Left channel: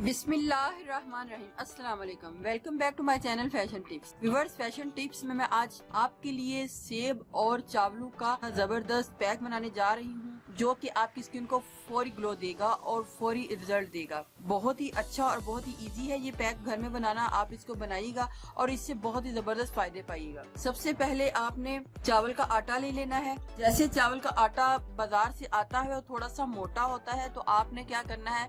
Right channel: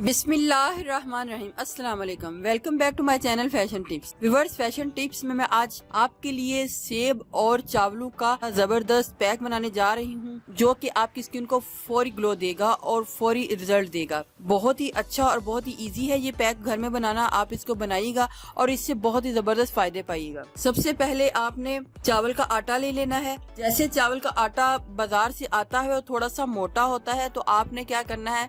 बिस्मिल्लाहिर्रहमानिर्रहीम। अस्सलाम वालेकुम। Welcome back to my channel fashion tips. Viewers, fashion tips में मैं आज आपके लिए सेब और चावलों का जबरदस्त पैक बनाने जा रही हूँ, जो कि आपकी स्किन को फौरी ग्लो देगा और फौरी रिजल्ट देगा। बहुत ही अच्छा और बहुत ही इजी है ये पैक घर में बनाना। आप इसको बनाइएगा और इससे बहुत ही जबरदस्त फायदे पाइएगा। सबसे पहले आपने चावल का आटा ले लेना है। जैसे चावल का आटा बाजार से आता है और थोड़ा सा मोटा होता है, तो आपने क्या करना है,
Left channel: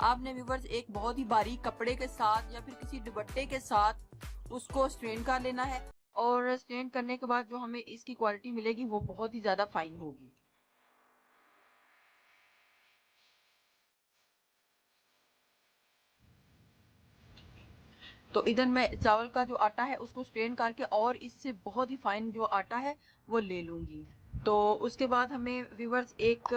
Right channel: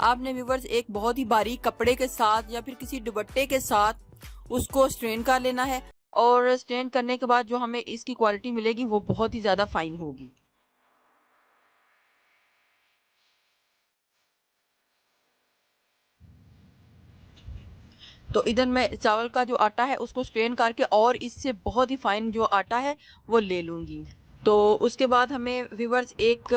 आपने व्यूअर्स एक बहुत ही बारीक कपड़े के साथ या फिर किसी दुपट्टे के साथ उसको स्ट्रेन कर लेना है। और स्ट्रेन करने के बाद जो हमें इसकी क्वालिटी मिलेगी वो बहुत ही ज़्यादा फाइन होगी। तो इधर मैं चावल का जो आटा है उसको स्ट्रेन करके और इससे बहुत ही फाइन जो आटा है वो ले लूँगी। तो उसके बाद हमें व्यूअर्स एक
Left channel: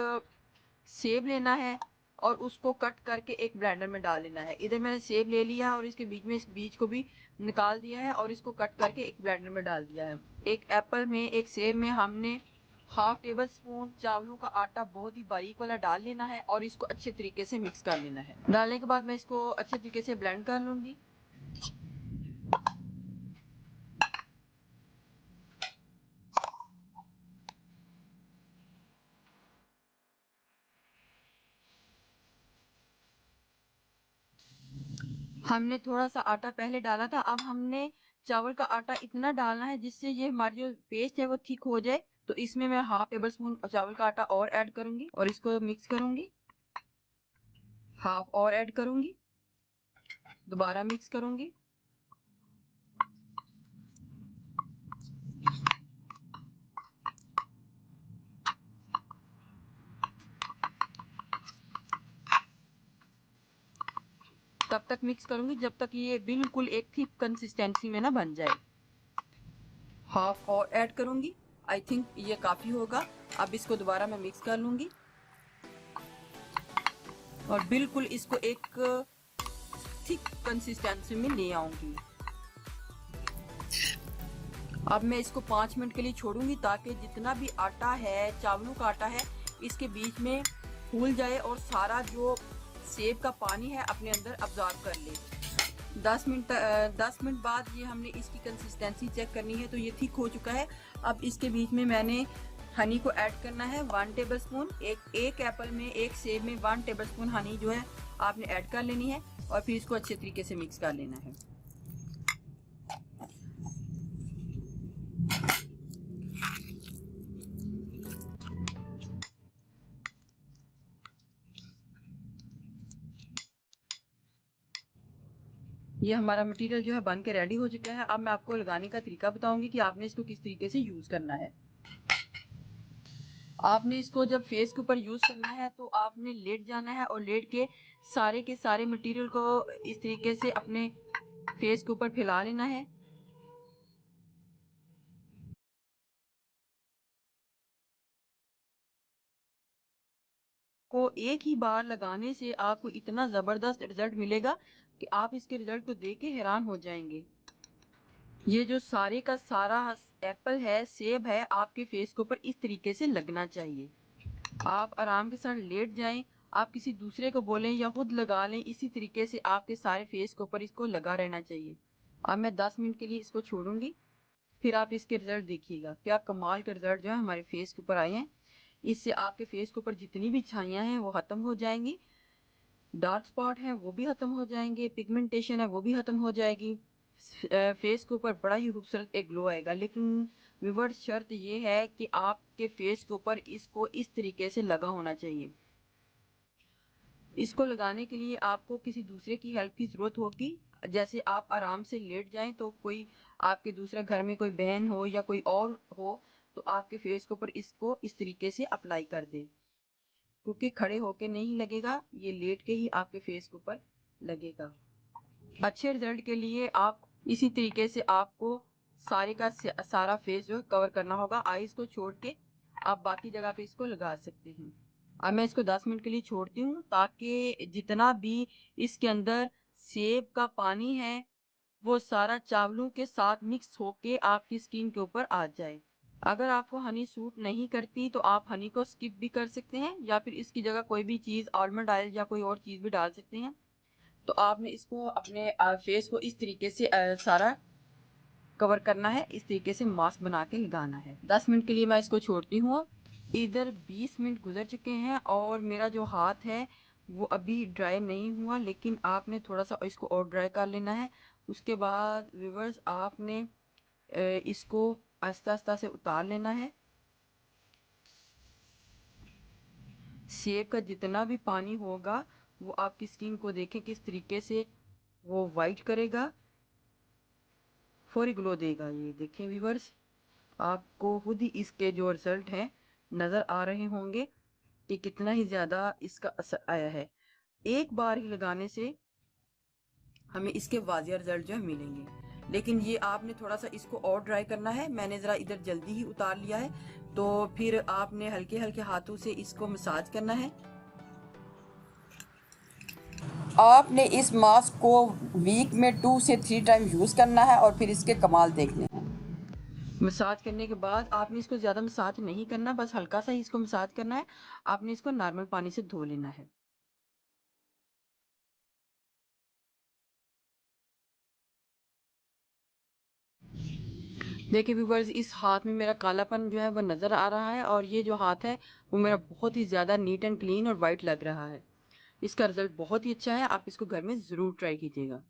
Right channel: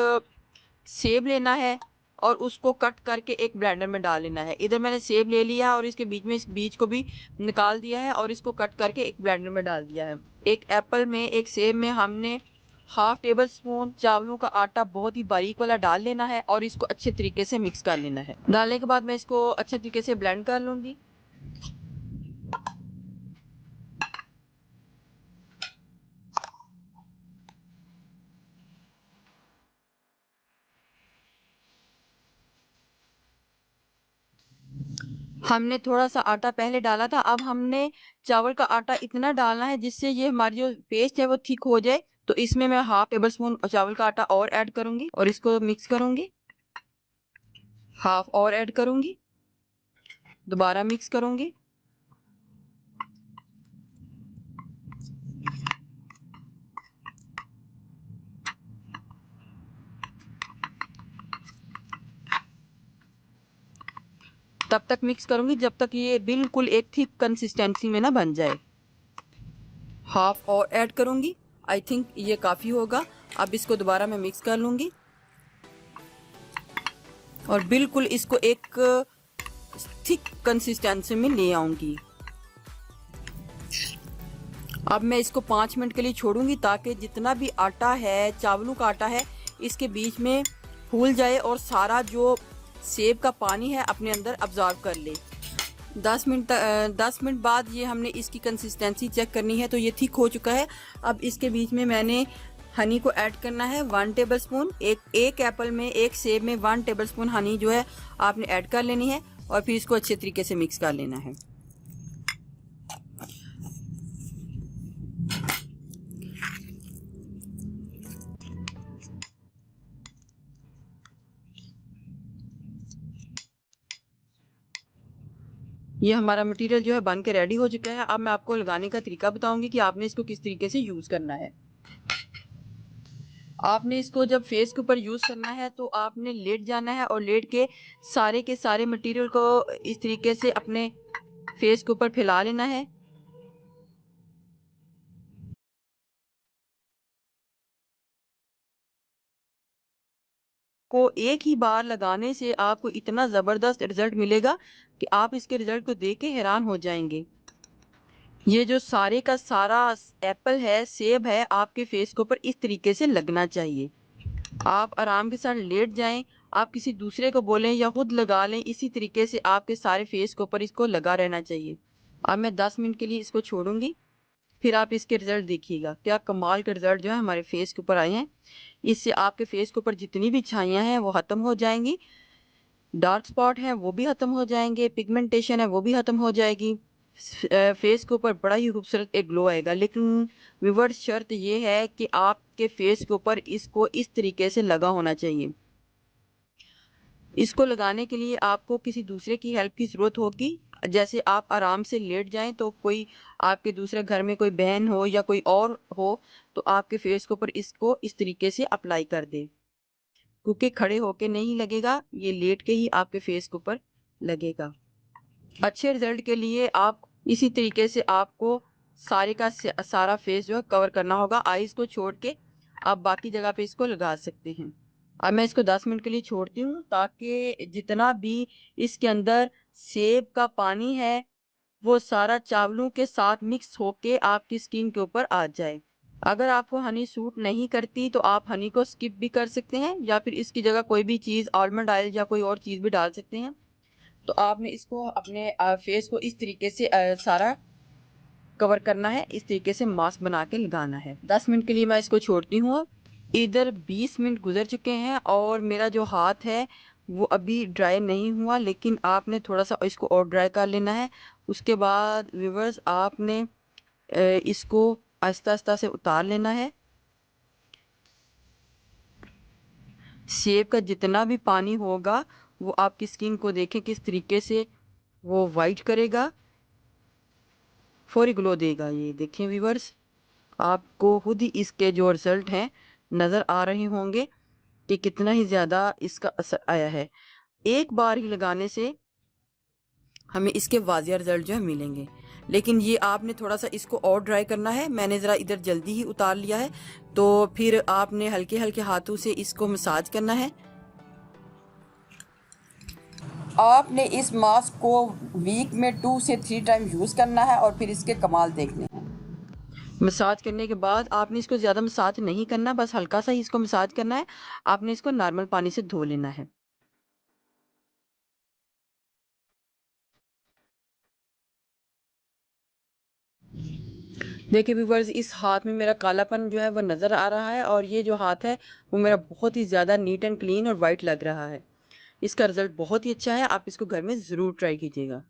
सेब लेना है और उसको कट करके एक ब्लेंडर में डाल लेना है। इधर मैंने सेब ले लिया है और इसके बीच में इस बीज को भी निकाल दिया है और इसको कट करके एक ब्लेंडर में डाल दिया है। एक एप्पल में, एक सेब में हमने हाफ टेबल स्पून चावलों का आटा बहुत ही बारीक वाला डाल लेना है और इसको अच्छे तरीके से मिक्स कर लेना है। डालने के बाद मैं इसको अच्छे तरीके से ब्लेंड कर लूंगी। हमने थोड़ा सा आटा पहले डाला था, अब हमने चावल का आटा इतना डालना है जिससे ये हमारी जो पेस्ट है वो थिक हो जाए। तो इसमें मैं हाफ टेबल स्पून चावल का आटा और ऐड करूंगी और इसको मिक्स करूंगी। हाफ और ऐड करूंगी, दोबारा मिक्स करूंगी। तब तक मिक्स करूंगी जब तक ये बिल्कुल एक थिक कंसिस्टेंसी में ना बन जाए। हाफ और ऐड करूंगी, आई थिंक ये काफी होगा। अब इसको दोबारा मैं मिक्स कर लूंगी और बिल्कुल इसको एक थिक कंसिस्टेंसी में ले आऊंगी। अब मैं इसको 5 मिनट के लिए छोड़ूंगी ताकि जितना भी आटा है, चावलों का आटा है, इसके बीच में फूल जाए और सारा जो सेब का पानी है अपने अंदर अब्जॉर्ब कर ले। 10 मिनट बाद ये हमने इसकी कंसिस्टेंसी चेक करनी है, तो ये थिक हो चुका है। अब इसके बीच में मैंने हनी को ऐड करना है 1 टेबल स्पून। एक एप्पल में, एक सेब में 1 टेबल स्पून हनी जो है आपने ऐड कर लेनी है और फिर इसको अच्छे तरीके से मिक्स कर लेना है। ये हमारा मटेरियल जो है बन के रेडी हो चुका है। अब मैं आपको लगाने का तरीका बताऊंगी कि आपने इसको किस तरीके से यूज करना है। आपने इसको जब फेस के ऊपर यूज करना है तो आपने लेट जाना है और लेट के सारे मटेरियल को इस तरीके से अपने फेस के ऊपर फैला लेना है। को एक ही बार लगाने से आपको इतना जबरदस्त रिजल्ट मिलेगा कि आप इसके रिजल्ट को देख के हैरान हो जाएंगे। ये जो सारे का सारा एप्पल है, सेब है, आपके फेस के ऊपर इस तरीके से लगना चाहिए। आप आराम के साथ लेट जाएं, आप किसी दूसरे को बोलें या खुद लगा लें, इसी तरीके से आपके सारे फेस के ऊपर इसको लगा रहना चाहिए। अब मैं 10 मिनट के लिए इसको छोड़ूंगी, फिर आप इसके रिजल्ट देखिएगा। क्या कमाल के रिजल्ट जो है हमारे फेस के ऊपर आए हैं। इससे आपके फेस के ऊपर जितनी भी छाइयाँ हैं वो ख़त्म हो जाएंगी, डार्क स्पॉट हैं वो भी ख़त्म हो जाएंगे, पिगमेंटेशन है वो भी ख़त्म हो जाएगी। फेस के ऊपर बड़ा ही खूबसूरत एक ग्लो आएगा। लेकिन व्यूअर्स, शर्त ये है कि आपके फेस के ऊपर इसको इस तरीके से लगा होना चाहिए। इसको लगाने के लिए आपको किसी दूसरे की हेल्प की ज़रूरत होगी। जैसे आप आराम से लेट जाएं तो कोई आपके दूसरे घर में कोई बहन हो या कोई और हो तो आपके फेस के ऊपर इसको इस तरीके से अप्लाई कर दे, क्योंकि खड़े होके नहीं लगेगा, ये लेट के ही आपके फेस के ऊपर लगेगा। अच्छे रिजल्ट के लिए आप इसी तरीके से आपको सारे का सारा फेस जो है कवर करना होगा। आईज को छोड़ के आप बाकी जगह पे इसको लगा सकते हैं। अब मैं इसको 10 मिनट के लिए छोड़ती हूँ ताकि जितना भी इसके अंदर सेब का पानी है वो सारा चावलों के साथ मिक्स होके आपकी स्किन के ऊपर आ जाए। अगर आपको हनी सूट नहीं करती तो आप हनी को स्किप भी कर सकते हैं या फिर इसकी जगह कोई भी चीज़, आलमंड ऑयल या कोई और चीज़ भी डाल सकते हैं। तो आपने इसको अपने फेस को इस तरीके से सारा कवर करना है, इस तरीके से मास्क बना के लगाना है। 10 मिनट के लिए मैं इसको छोड़ती हूँ अब। इधर 20 मिनट गुजर चुके हैं और मेरा जो हाथ है वो अभी ड्राई नहीं हुआ, लेकिन आपने थोड़ा सा इसको और ड्राई कर लेना है। उसके बाद व्यूअर्स आपने इसको आहिस्ता आहिस्ता से उतार लेना है। सेब का जितना भी पानी होगा वो आपकी स्किन को देखें किस तरीके से वो वाइट करेगा, फौरी ग्लो देगा। ये देखें व्यूअर्स, आपको खुद ही इसके जो रिजल्ट हैं नज़र आ रहे होंगे कि कितना ही ज़्यादा इसका असर आया है। एक बार ही लगाने से हमें इसके वाजिया रिजल्ट जो है मिलेंगे, लेकिन ये आपने थोड़ा सा इसको और ड्राई करना है। मैंने ज़रा इधर जल्दी ही उतार लिया है, तो फिर आपने हल्के हल्के हाथों से इसको मसाज करना है। आपने इस मास्क को वीक में 2 से 3 टाइम यूज़ करना है और फिर इसके कमाल देखने हैं। मसाज करने के बाद आपने इसको ज़्यादा मसाज नहीं करना, बस हल्का सा ही इसको मसाज करना है। आपने इसको नॉर्मल पानी से धो लेना है। देखिए व्यूवर्स, इस हाथ में मेरा कालापन जो है वो नज़र आ रहा है और ये जो हाथ है वो मेरा बहुत ही ज़्यादा नीट एंड क्लीन और वाइट लग रहा है। इसका रिज़ल्ट बहुत ही अच्छा है, आप इसको घर में ज़रूर ट्राई कीजिएगा।